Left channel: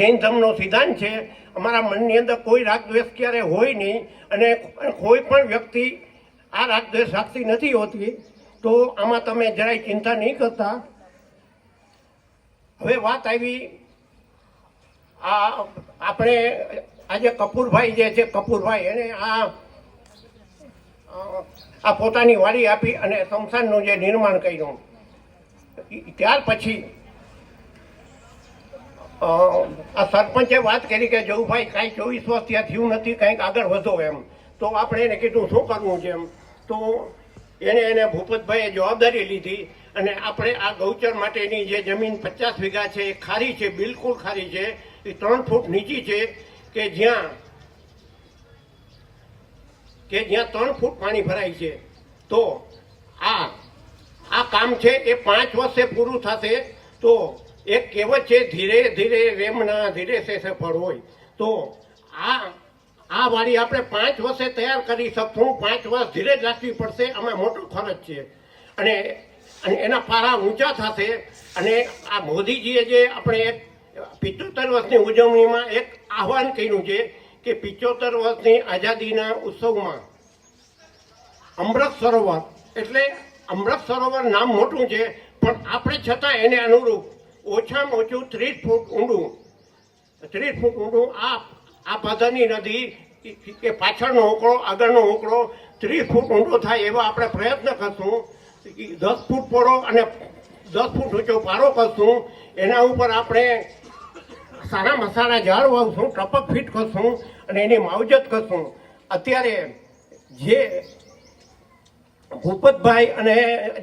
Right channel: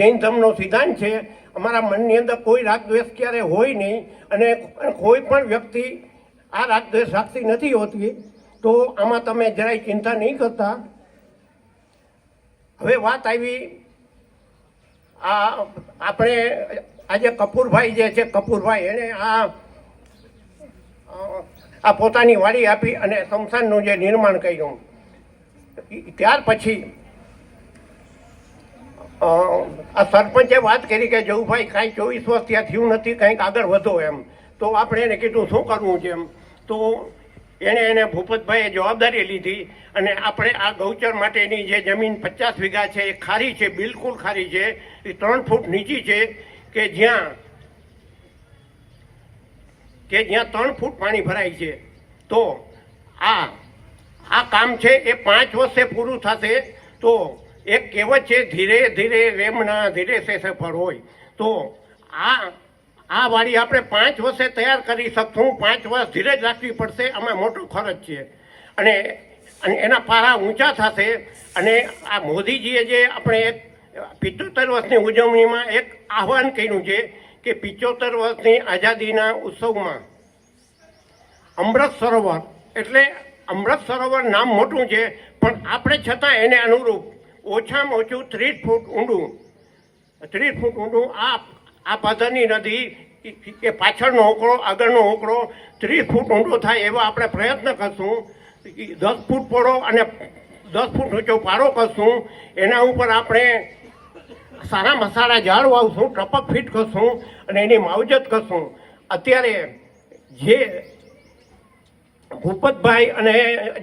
જૈન ધર્મનો સિદ્ધાંત છે, અમારા મનની અંદર કોઈ રાગ દ્વેષ ક્યારે હોય નહીં અને કોઈ પણ વ્યક્તિ આ રાગ દ્વેષ રાખતી નથી હોતી, તો આમાં તમે જરાય ચિંતા નહીં કરતા. હવે વાત આવી આ આપણે આજે કપૂરભાઈ જે છે, કપૂરભાઈ એને આ પોતાની વાડી આપી અને સ્મશાનનું જે નિર્માણ કર્યું, ત્યાર પછી આ સરપંચે વાત કરી કે જવુભાઈ કાંઈ 24 વર્ષ ત્યાં થયું નથી, કંઈક આગળ વધો એમ. તો આપણે એને કીધું શું કરવું છે એમ. તો એને ભૂપતભાઈએ જવાબદારી લીધી અને આપણે આ ગૌચર માટેની જે જમીન 50 વીઘા છે એ ખારી છે, બિલકુલ ખારી છે, એ 3 ફૂટ નીચી છે કે જ્યાં 3 ફૂટ પાણી ભરાય છે. તો આ કામ છે એ 5 વર્ષે પૂરું થશે. તો એક કહેવત છે, ધીરે ધીરે વેમના ધીરે સે સફળ હોય. તો આ વાડી આપણે 5 વર્ષે તૈયાર કરી શકશું. 5 વર્ષ ધીરે જ રાખવી પડશે, આમાં મોટો ખર્ચ છે અને એના પારા ઊંચા થશે. અને આ મોદીજીએ જે આપણે 75 વર્ષની ઉજવણીમાં એક આહવાન કર્યું છે કે 75 વર્ષની આઝાદીના ઉત્સવમાં અમૃત સરોવર, એટલે અમૃત સરોવર નામ મોટું છે પણ આપણે છતાં એને અનુરૂપ ઓછામાં ઓછું 30 ફૂટ ઊંડું આ પાદરની નદી કે પાછળનો ઓકળો આગળનો ઓકળો 30 ફૂટ ઊંડો થાય એવા આપણે પ્રયત્ન કરશું. 10 ફૂટ પહોળો અને 10 ફૂટ ઊંચો પારો કરશું. એના ઉપર આપણે સારા મસાલા ઝાડ વાવશું, ટપક ફીટ કરશું અને એની માવજત કરશું. અત્યારે જે ભૂપતભાઈ અને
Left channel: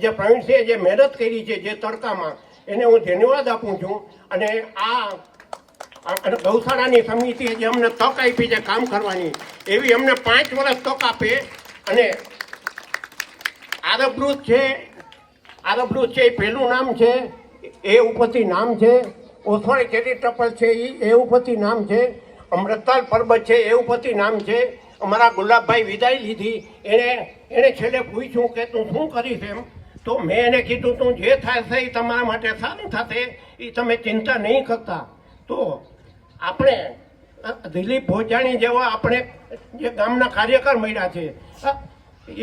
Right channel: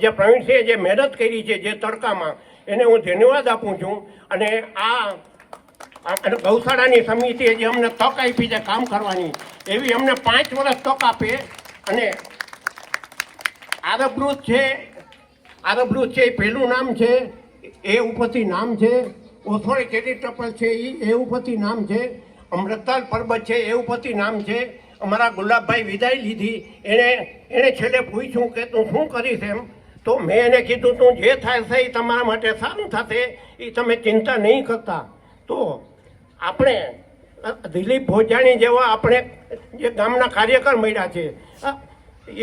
જે પ્રવીણસિંહે જે મહેનત કરી છે જે તડકામાં, એને હું ધન્યવાદ આપું છું. અને આ ગૌશાળાની સમિતિએ જે અમને તક આપી છે કામ કરવાની, એવી અમને 5 વર્ષ તક આપે. અને આરબલુજ છે એ પહેલું નામ છે, એ ઉપરથી નામ છે. ઓથોરે ચેરિટેબલ છે એ ઉપરથી નામ છે. અમૃતતાલ પર્વત છે એ ઉપરથી નામ છે. અમારા ગુલાબભાઈ વિદાય લીધી, એને છેલ્લે પૂછ્યું કે તું શું કરીશ એમ. તો મેં એને કીધું તું જે થશે એ તમારા માટે સારું થશે, એ તમે ચિંતા નહીં કરતા. તો આપણે દિલીપ ભોજાણી જેવા આપણે જે ગામના કાર્યકર મળ્યા છે,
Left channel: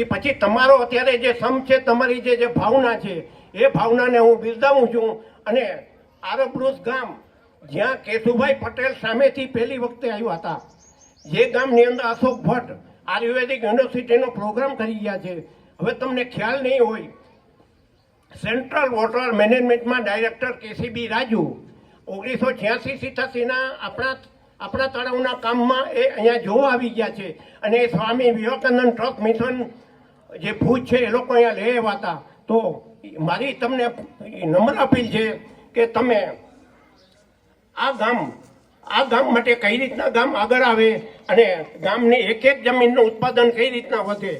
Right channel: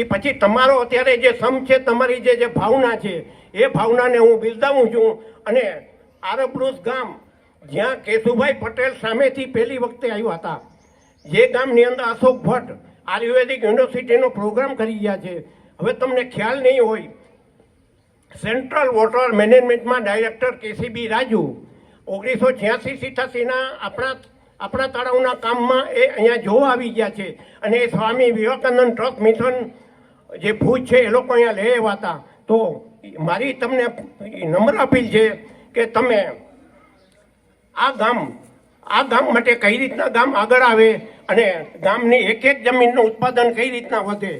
એ પછી તમારો અત્યારે જે સમ છે, તમારી જે ભાવના છે, એ ભાવનાને હું બિરદાવું છું. અને આરબલુજ ગામ જ્યાં કેશુભાઈ પટેલ સામેથી પહેલી વખતે આવ્યા હતા, જે ગામની અંદર અશોક ભટ્ટ આયુર્વેદિક યુનિવર્સિટીનો પ્રોગ્રામ કરી ગયા છે. હવે તમને ખ્યાલ નહીં હોય, સેન્ટ્રલ વોટર મેનેજમેન્ટમાં ડાયરેક્ટર કેસીબી રાજુ 1986-87ના આપણા તળાવના કામમાં એ અહીંયા જોવા આવી ગયા છે. અને સ્વામી વિવેકાનંદ ટ્રસ્ટ મિશન જે ભુજ છે એ લોકો અહીંયા લઈ આવ્યા હતા. તો મારી તમને નમ્ર અપીલ છે કે તમે આ ગામ માટે કઈ રીતના ગામ આગળ આવે અને ગામની એક જમીનનું ઉત્પાદન કઈ રીતના વધે